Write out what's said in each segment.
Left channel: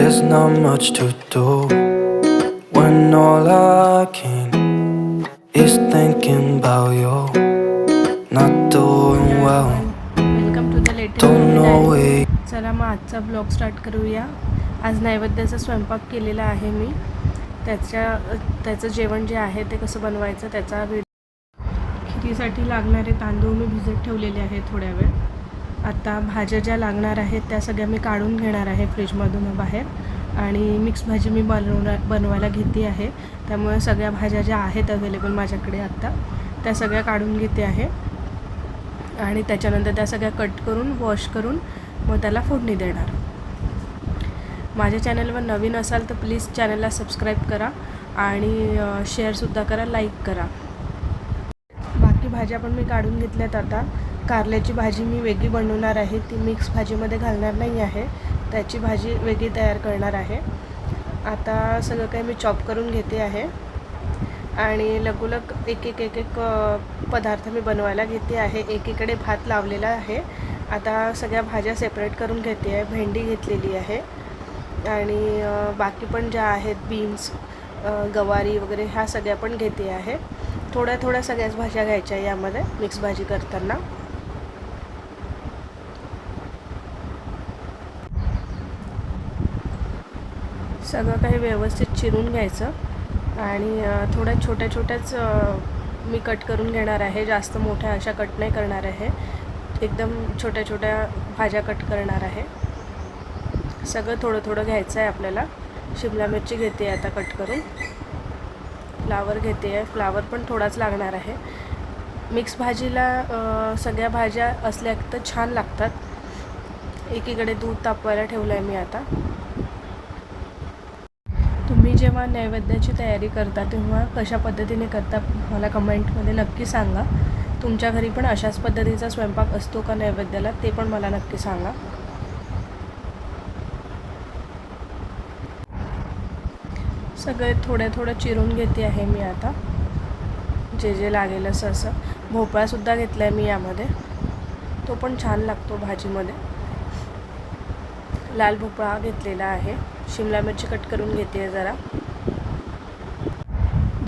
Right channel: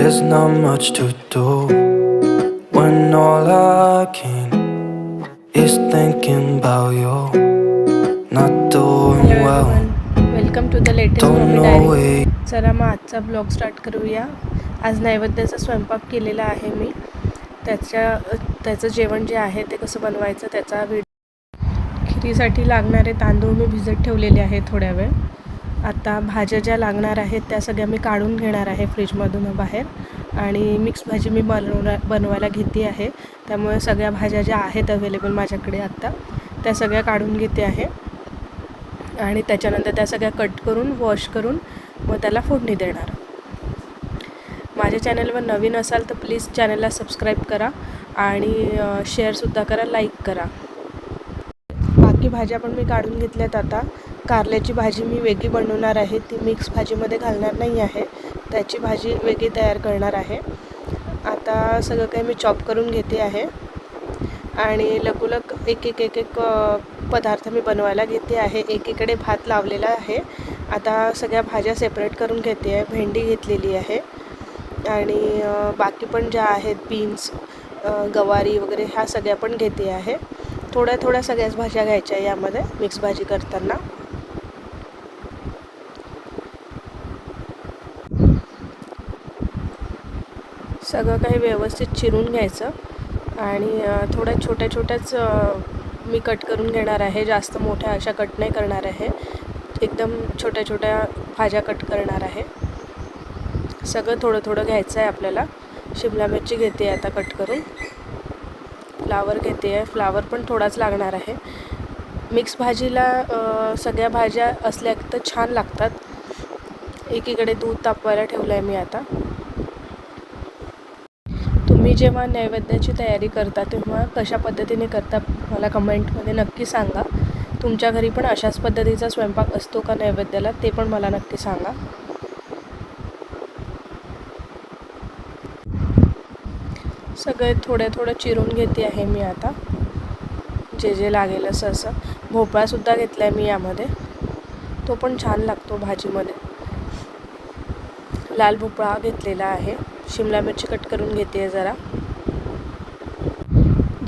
There's not much to do when all I can is thinking about you. Not doing well. Welcome to the latest Don't blog know diary. it. चला मग आजचा blog start करूया. आज नैवेद्याचा स्वयंपाक केलेला आहे मी. त्याचं जेवण जे आहे ते कसं बनवायचं त्याचा खिरीसाठी लागणारे तांदूळ मी भिजत ठेवलेले आहे थोड्या वेळ. आता भाज्या ज्या लागणार आहेत त्या सगळ्या मी काढून घेणार आहे फ्रीजमधून बाहेर. आणि मिक्स भाजी मी बनवायला घेते आहे. त्यामुळे सगळ्या भाज्या ज्या आहेत अवेलेबल माझ्याकडे आत्ता त्या सगळ्या काढून घेते आहे. आणि त्याच्यानंतर त्या सगळ्या कट करून वॉश करून मग त्याला फोडणी देणार. माझ्या चॅनलवर नवीन असाल तर प्लीज चॅनलला सबस्क्राईब करा आणि शेअरसुद्धा करा, लाईक करा. बाकी भाज्या पण मी काढून घेतल्यात. आता कारल्याची भाजी मी वेगळी बनवणार आहे, ती मिक्स भाजीमध्ये घालणार नाही आहे. त्याची भाजी वेगळी तयार करणार आहे. आता सगळं काही मी चॉप करून घेते आहे आणि लगोलग एक एक पदार्थ मी बनवायला घेते आहे. एकीकडे भात लावलेला आहे. आता सगळ्या भाज्या सेपरेट करून घेते आहे. भेंडी घेतलेली आहे आणि बाकी पण ज्या आहेत बीन्स, गवारी वगैरे ह्या सगळ्या पण घेते आहे. थोड्या सगळ्याच भाज्या घ्यायच्या यामध्ये मिक्स भाजी करताना. सगळं काही व्यवस्थित चिरून घ्यायचं आणि थोड्या छोट्याच मी कट करून घेणार आहे. जास्त मोठ्या अशा कट नाही करणार आहे. एकदम छोट्या भाज्या कट करणार आहे. सगळं थोडं घ्यायचं आहे आपल्याला. शिमला मिरची घेते आता कट करून. फ्लावर घेते आहे. फ्लावर पण थोडाच लागणार आहे. मिक्स भाजीला सगळ्या भाज्या असल्या तर छान लागतात. एकीकडे दूध तापवायला ठेवलं आहे मी आता. तुम्ही जेव्हा नैवेद्याची तयारी करता तेव्हा कशा पद्धतीने करता मला कमेंटमध्ये नक्की सांगा. तुमच्या घरी पण अशाच पद्धतीचा स्वयंपाक असतो का नैवेद्याला, ते पण मला नक्की सांगा. सगळे थोडं चिरून घेते आहे मी आता, जे लागेल असं. भोपळासुद्धा घेतला आहे मी यामध्ये, तो पण छान लागतो भाजीमध्ये. लाल भोपळा घेतलेला आहे. शिमला मिरची कट करून घेते आहे जरा.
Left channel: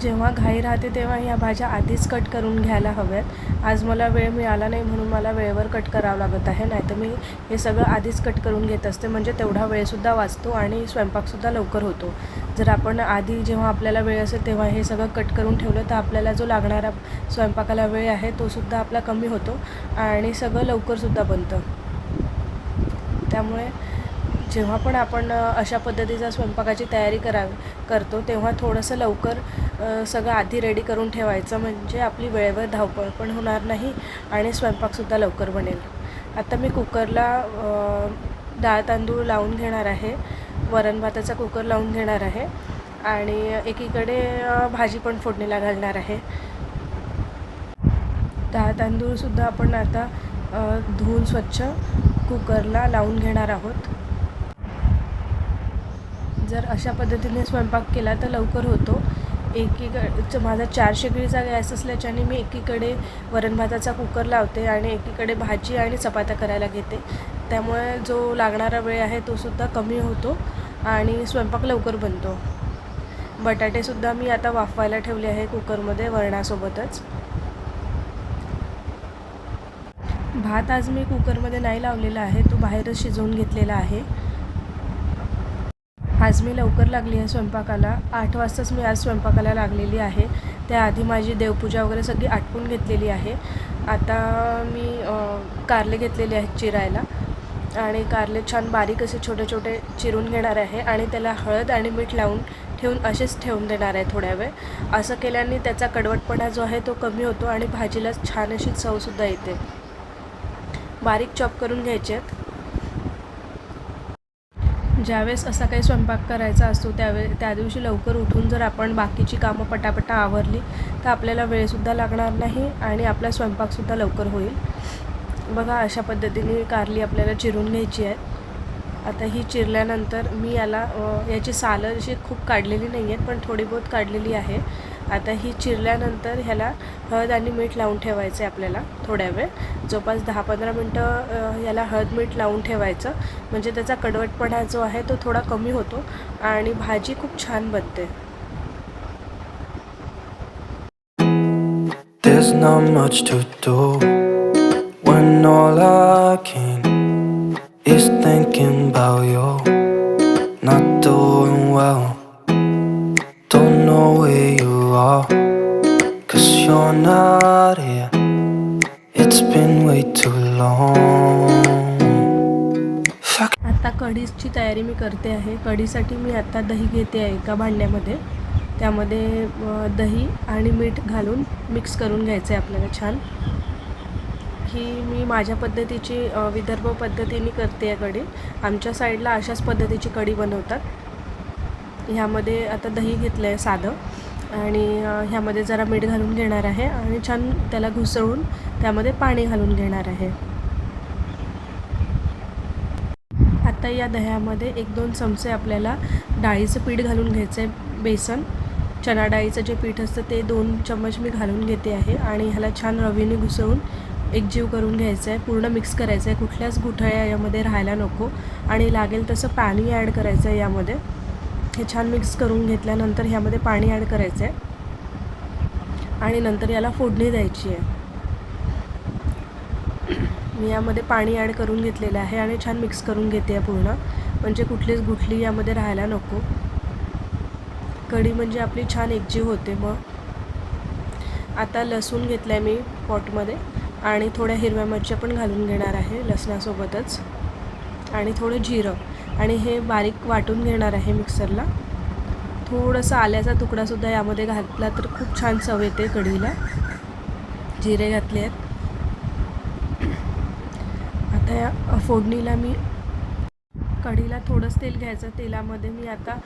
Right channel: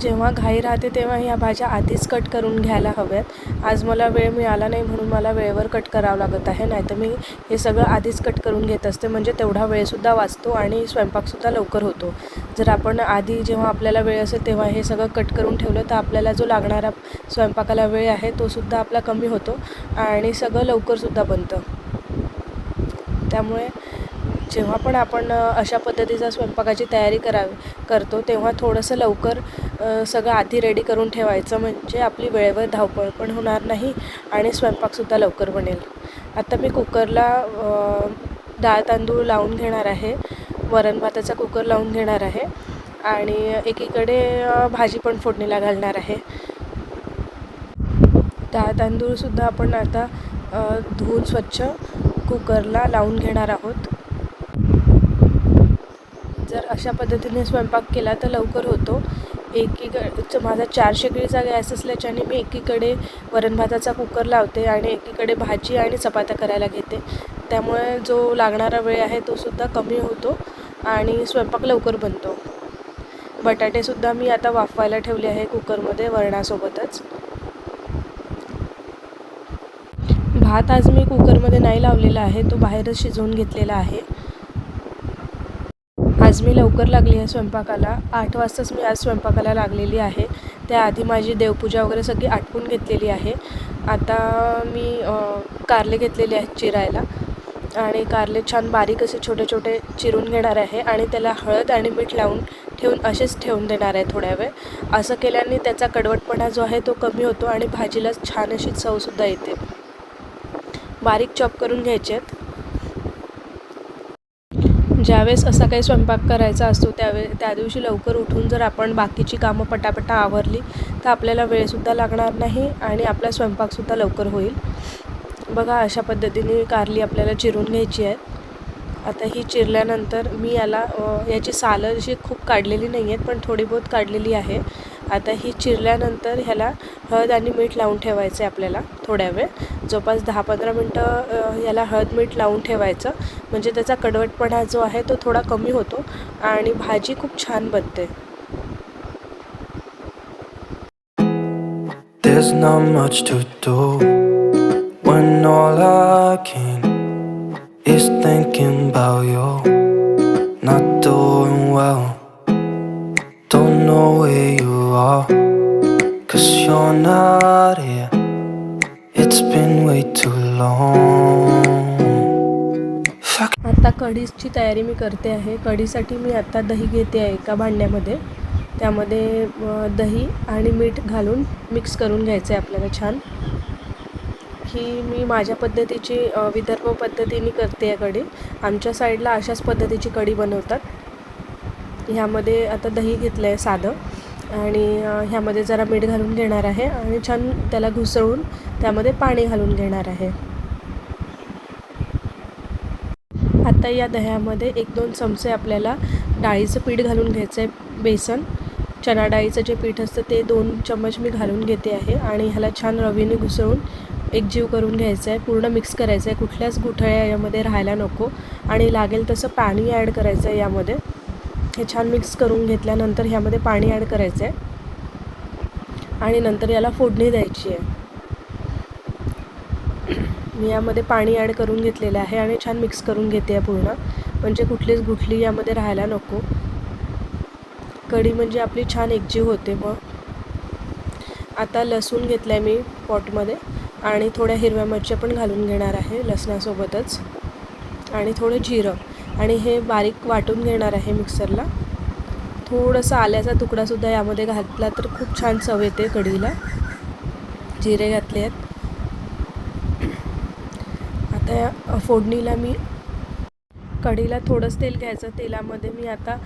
जेव्हा घाई राहते तेव्हा ह्या भाज्या आधीच कट करून घ्यायला हव्यात. आज मला वेळ मिळाला नाही म्हणून मला वेळेवर कट करावं लागत आहे. नाही तर मी हे सगळं आधीच कट करून घेत असते, म्हणजे तेवढा वेळसुद्धा वाचतो आणि स्वयंपाकसुद्धा लवकर होतो. जर आपण आधी जेव्हा आपल्याला वेळ असेल तेव्हा हे सगळं कट करून ठेवलं तर आपल्याला जो लागणारा स्वयंपाकाला वेळ आहे तोसुद्धा आपला कमी होतो आणि सगळं लवकरसुद्धा बनतं. त्यामुळे जेव्हा पण आपण अशा पद्धतीचा स्वयंपाकाची तयारी करतो तेव्हा थोडंसं लवकर सगळं आधी रेडी करून ठेवायचं, म्हणजे आपली वेळेवर धावपळ पण होणार नाही आणि स्वयंपाकसुद्धा लवकर बनेल. आता मी कुकरला डाळ तांदूळ लावून घेणार आहे. वरण भाताचा कुकर लावून घेणार आहे आणि एकीकडे भाजी पण फोडणीला घालणार आहे. डाळ तांदूळसुद्धा आपण आता धुवून स्वच्छ कुकरला लावून घेणार आहोत. जर अशा पद्धतीने स्वयंपाक केला तर लवकर होतो. माझा 4 शेगडीचा गॅस असल्याच्याने मी एकीकडे वरण भाताचा कुकर लावते आणि एकीकडे भाजी आणि चपात्या करायला घेते. त्यामुळे जो लागणारा वेळ आहे तोसुद्धा कमी होतो आणि स्वयंपाक लवकर बनतो. बटाटेसुद्धा मी आता वाफवायला ठेवले आहे कुकरमध्ये वरणासोबतच. भात आज मी कुकरमध्ये नाही लावलेला आहे, तो बाहेरच शिजवून घेतलेला आहे. आज मी लवकर लागली आहे स्वयंपाकाला. 8 वाजताच मी आज स्वयंपाकाला लागलेली आहे. त्याआधी माझी देवपूजा वगैरे सगळी आटपून घेतलेली आहे. आता मी कारले घेतलेले आहेत चिरायला आणि कारले छान बारीक असे छोटे चिरून घेणार आहे आणि त्याला हळद आणि मीठ लावून ठेवून असेच ठेवून देणार आहे थोड्या वेळ. असं केल्याने त्याचा कडवटपणा जो आहे तो कमी होतो आणि भाजीला छान अशी चवसुद्धा येते. बारीक चॉप करून घ्यायचे आहेत. ज्यावेळेस असा काही स्वयंपाक करायचा असतो त्या दिवशी लवकर उठून जर आपण बाकीची कामं पटापटा आवरली तर आपल्याला वेळसुद्धा लागणार नाही आणि आपला स्वयंपाकसुद्धा लवकर होईल. बघा अशा पद्धतीने कारली आपल्याला चिरून घ्यायची आहे. आता ही चिरल्यानंतर मी याची सालं अशी खूप काढलेली नाही आहेत, पण थोडी बहुत काढलेली आहे आता ही चिरल्यानंतर ह्याला हळद आणि मीठ लावून ठेवायचं आहे आपल्याला थोड्या वेळ, जवळपास 10-15 मिनटं याला हळद मीठ लावून ठेवायचं, म्हणजे त्याचा कडवटपणा जो आहे तो थोडा कमी होतो आणि भाजी खूप छान बनते. There's not much to do when all I can is thinking about you. Not doing well, don't know where you are, 'cause you're not here. It's been way too long. आता कढीची तयारी मी करते आहे. कढीसाठी मी आता दही घेते आहे एका भांड्यामध्ये. त्यामध्ये दही आणि मीठ घालून मिक्स करून घ्यायचं आहे आपल्याला छान. ही मी माझ्या पद्धतीची विदर्भ पद्धतीने करते आहे कढी. आमच्या साईडला अशाच पद्धतीची कढी बनवतात. ह्यामध्ये आता दही घेतलं आहे साधं आणि ह्यामध्ये जरा मीठ घालून घेणार आहे आणि छान त्याला घुसळून त्यामध्ये पाणी घालून घेणार आहे. आता या दह्यामध्ये 1-2 चमचे आपल्याला डाळीचं पीठ घालून घ्यायचं आहे. बेसन, चणा डाळीचं जे पीठ असतं ते 2 चम्मच मी घालून घेते आहे आणि ह्याला छान रवीने घुसळून एकजीव करून घ्यायचं आहे. पूर्ण मिक्स करायचं आहे, कुठल्याच गुठळ्या यामध्ये राहायला नको आणि लागेल तसं पाणी ॲड करायचं आहे यामध्ये. हे छान मिक्स करून घेतल्यानंतर ह्यामध्ये पाणी ॲड करायचं आहे आणि नंतर याला फोडणी द्यायची आहे. मी यामध्ये पाणी ॲड करून घेतलेलं आहे आणि छान मिक्स करून घेते आहे पूर्ण, म्हणजे कुठलीच गुठली यामध्ये राहायला नको. कढी म्हणजे आपली छान एकजीव होते. मग आता लसूण घेतला आहे मी पॉटमध्ये आणि थोड्या हिरव्या मिरच्या पण घालून घेणार आहे लसणासोबतच आणि थोडं जिरं आणि हे बारीक वाटून घेणार आहे मिक्सरला. थोडंसं आल्याचा तुकडासुद्धा यामध्ये घातला तर खूप छान चव येते कढीला. जिरे घातले आहेत. आता या फोडणीला मी कढीला थोडंच तेल घ्यायचं. तेलामध्ये मी आता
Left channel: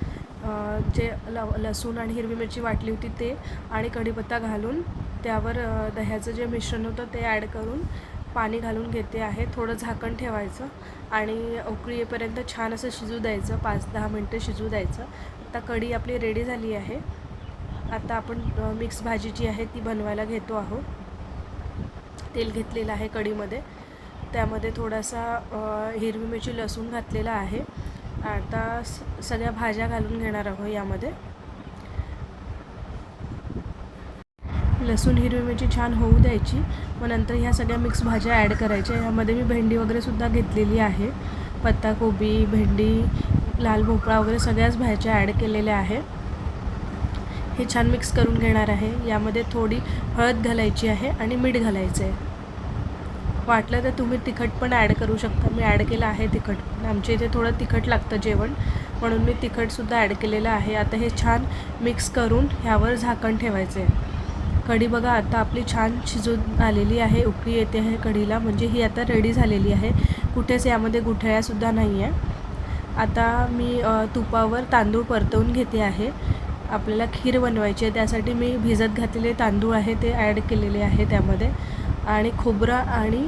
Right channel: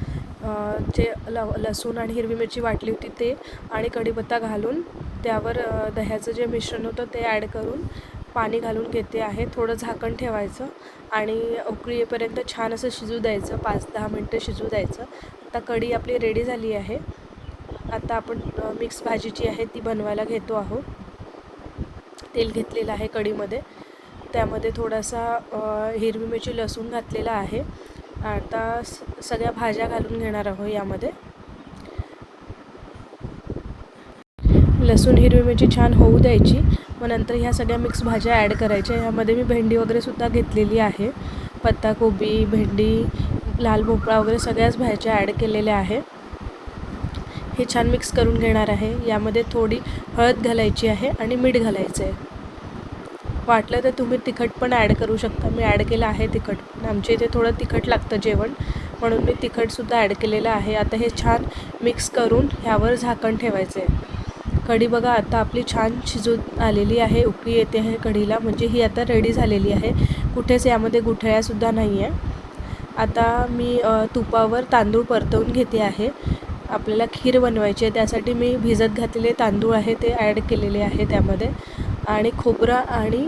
जे लसूण आणि हिरवी मिरची वाटली होती ते आणि कढीपत्ता घालून त्यावर दह्याचं जे मिश्रण होतं ते ॲड करून पाणी घालून घेते आहे. थोडं झाकण ठेवायचं आणि उकळी येईपर्यंत छान असं शिजू द्यायचं, 5-10 मिनटं शिजू द्यायचं. आता कढी आपली रेडी झाली आहे. आता आपण मिक्स भाजी जी आहे ती बनवायला घेतो आहोत. तेल घेतलेलं आहे कढीमध्ये, त्यामध्ये थोडासा हिरवी मिरची लसूण घातलेला आहे. आता सगळ्या भाज्या घालून घेणार आहोत यामध्ये. लसूण हिरवी मिरची छान होऊ द्यायची, मग नंतर ह्या सगळ्या मिक्स भाज्या ॲड करायच्या. ह्यामध्ये मी भेंडी वगैरेसुद्धा घेतलेली आहे, पत्ताकोबी, भेंडी, लाल भोपळा वगैरे सगळ्याच भाज्या ॲड केलेल्या आहे. हे छान मिक्स करून घेणार आहे. यामध्ये थोडी हळद घालायची आहे आणि मीठ घालायचं आहे. वाटलं तर तुम्ही तिखट पण ॲड करू शकता. मी ॲड केलं आहे तिखट, पण आमच्या इथे थोडं तिखट लागतं जेवण, म्हणून मी तिखटसुद्धा ॲड केलेलं आहे. आता हे छान मिक्स करून ह्यावर झाकण ठेवायचं आहे. कढी बघा आता आपली छान शिजून आलेली आहे, उकळी येते आहे कढीला, म्हणजे ही आता रेडी झालेली आहे. कुठेच यामध्ये गुठळ्यासुद्धा नाही आहे. आता मी तुपावर तांदूळ परतवून घेते आहे. आपल्याला खीर बनवायची आहे, त्यासाठी मी भिजत घातलेले तांदूळ आहे ते ॲड केलेले आहे त्यामध्ये आणि खोबरं आणि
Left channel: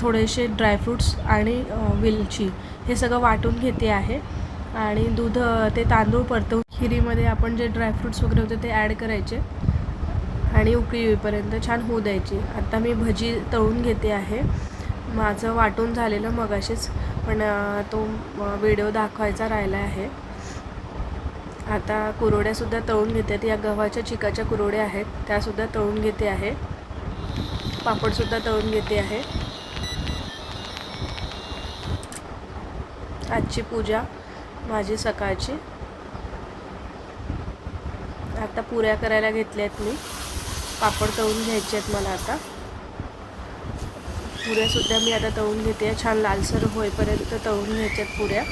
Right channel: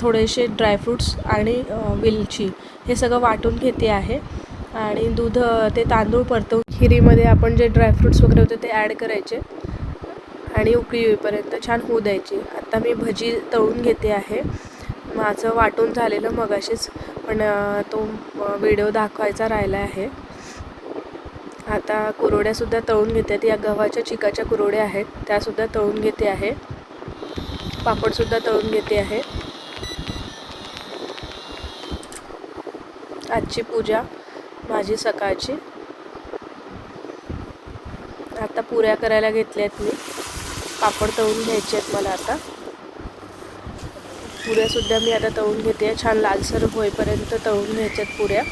थोडेसे ड्रायफ्रूट्स आणि वेलची हे सगळं वाटून घेते आहे आणि दूध ते तांदूळ परतवून खिरीमध्ये आपण जे ड्रायफ्रूट्स वगैरे होते ते ॲड करायचे आणि उकळी येईपर्यंत छान होऊ द्यायची. आता मी भजी तळून घेते आहे. माझं वाटून झालेलं मगाशीच, पण तो व्हिडिओ दाखवायचा राहिला आहे. आता कुरवड्यासुद्धा तळून घेते. या गव्हाच्या चिकाच्या कुरवड्या आहेत त्यासुद्धा तळून घेते आहे. पापडसुद्धा तळून घेते आहे. आजची पूजा माझी सकाळची. आता पुऱ्या करायला घेतल्या आहेत मी. पापड तळून घ्यायचे आहेत मला आता. पुऱ्यासुद्धा मी आता तळून घेते. छान लालसर होईपर्यंत तळून घ्यायच्या आहेत पुऱ्या.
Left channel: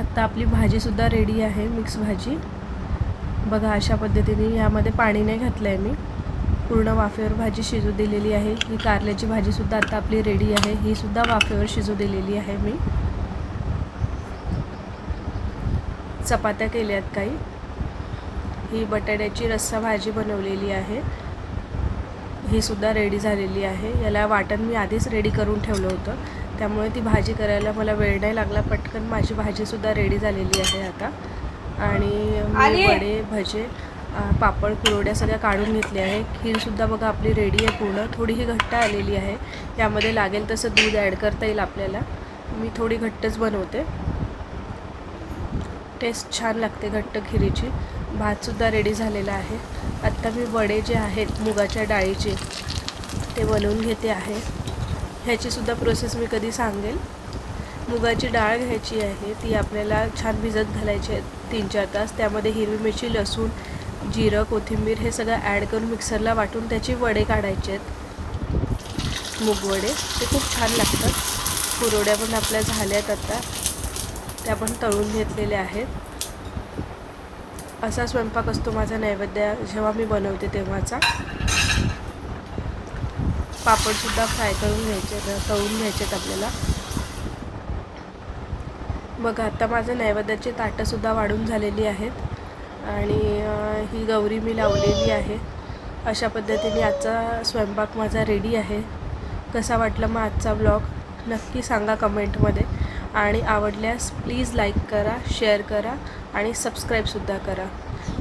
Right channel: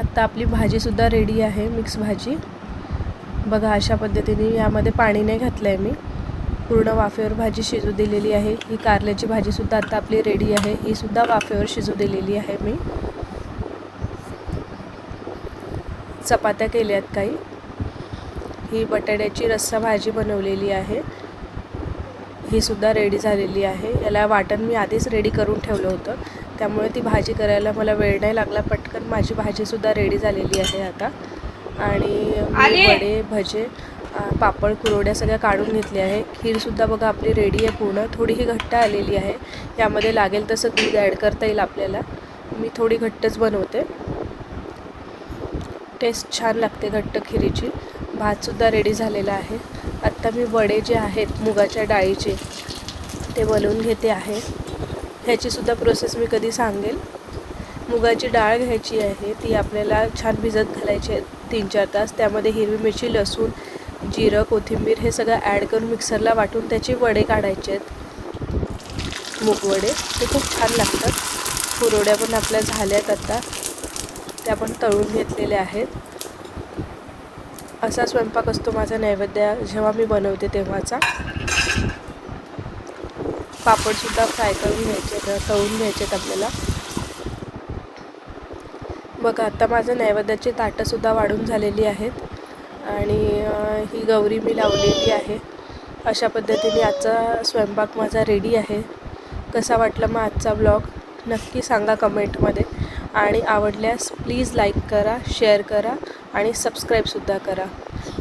आता आपली भाजीसुद्धा रेडी आहे, मिक्स भाजी. बघा अशा पद्धतीने यामध्ये पाणी नाही घातलं आहे मी, पूर्ण वाफेवर भाजी शिजू दिलेली आहे. ही कारल्याची भाजीसुद्धा आता आपली रेडी आहे, ही सुद्धा वाफेवर शिजू दिलेली आहे मी. चपात्या केल्या आहेत काही. ही बटाट्याची रस्सा भाजी बनवलेली आहे, ही सुद्धा रेडी झालेली आहे. याला वाटण मी आधीच रेडी करून ठेवलं होतं, त्यामुळे ती भाजी करायला मला वेळ नाही लागला. पटकन माझी भाजीसुद्धा रेडी झालेली आहे आता. आणि मी वडे, भजे, पापड, कुरवड्या सगळ्या काढून घेतल्या आहे. खीरसुद्धा बघा आपली रेडी आहे पूर्ण. थोडीही घट्ट आलेली आहे. त्यामध्ये लागेल तसं दूध ॲड करता येईल आपल्याला. मी थोडी घट्टच बनवते. टेस्ट छान लागते घट्ट खिरीची. भातसुद्धा रेडी झालेला आहे. आत्ता मी वडे जे आहेत मुगाच्या डाळीचे ते बनवून घेते आहे. ह्याचीसुद्धा प्रोसेस मी कधी सांगेल. मुगाची डाळ घ्यायची आहे, ती आपल्याला छान भिजत घालायची आहे 3-4 तास. त्यामध्ये हिरवी मिरची, लसूण, जिरं, कोथिंबीर हे सगळं ॲड करून मिक्सरला वाटून त्याचे वडे काढायचे आहेत. मूगवडे ते खूप छान लागतात. कुरवड्या पण आपल्या झाल्यात आता, त्या पण तळून घेतलेल्या आहेत. असा स्वयंपाक असतो माझा नैवेद्य जेव्हा मी बनवते तेव्हाचा. पापडसुद्धा फ्राय करून घ्यायचे, तळून घ्यायचेत आपल्याला. बघा आता माझं नैवेद्याची ताटंसुद्धा वाढून झालेली आहेत आणि ही गौरी मी लावलेली आहे. अशा पद्धतीने आजचा स्वयंपाक माझा रेडी आहे. कसा वाटला मग आजचा ब्लॉग नक्की सांगा कमेंटमध्ये. आणि आवडल्यास प्लीज लाईक करा, शेअर करा आणि सबस्क्राईबसुद्धा करा.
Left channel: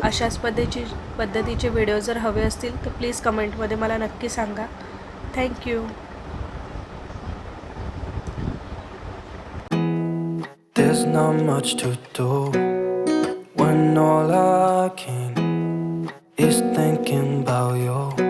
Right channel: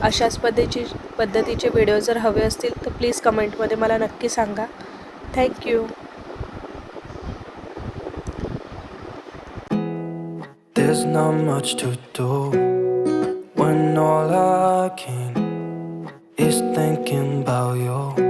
अशाच पद्धतीचे व्हिडिओ जर हवे असतील तर प्लीज कमेंटमध्ये मला नक्की सांगा. Thank you. There's not much to do when all I can is thinking about you.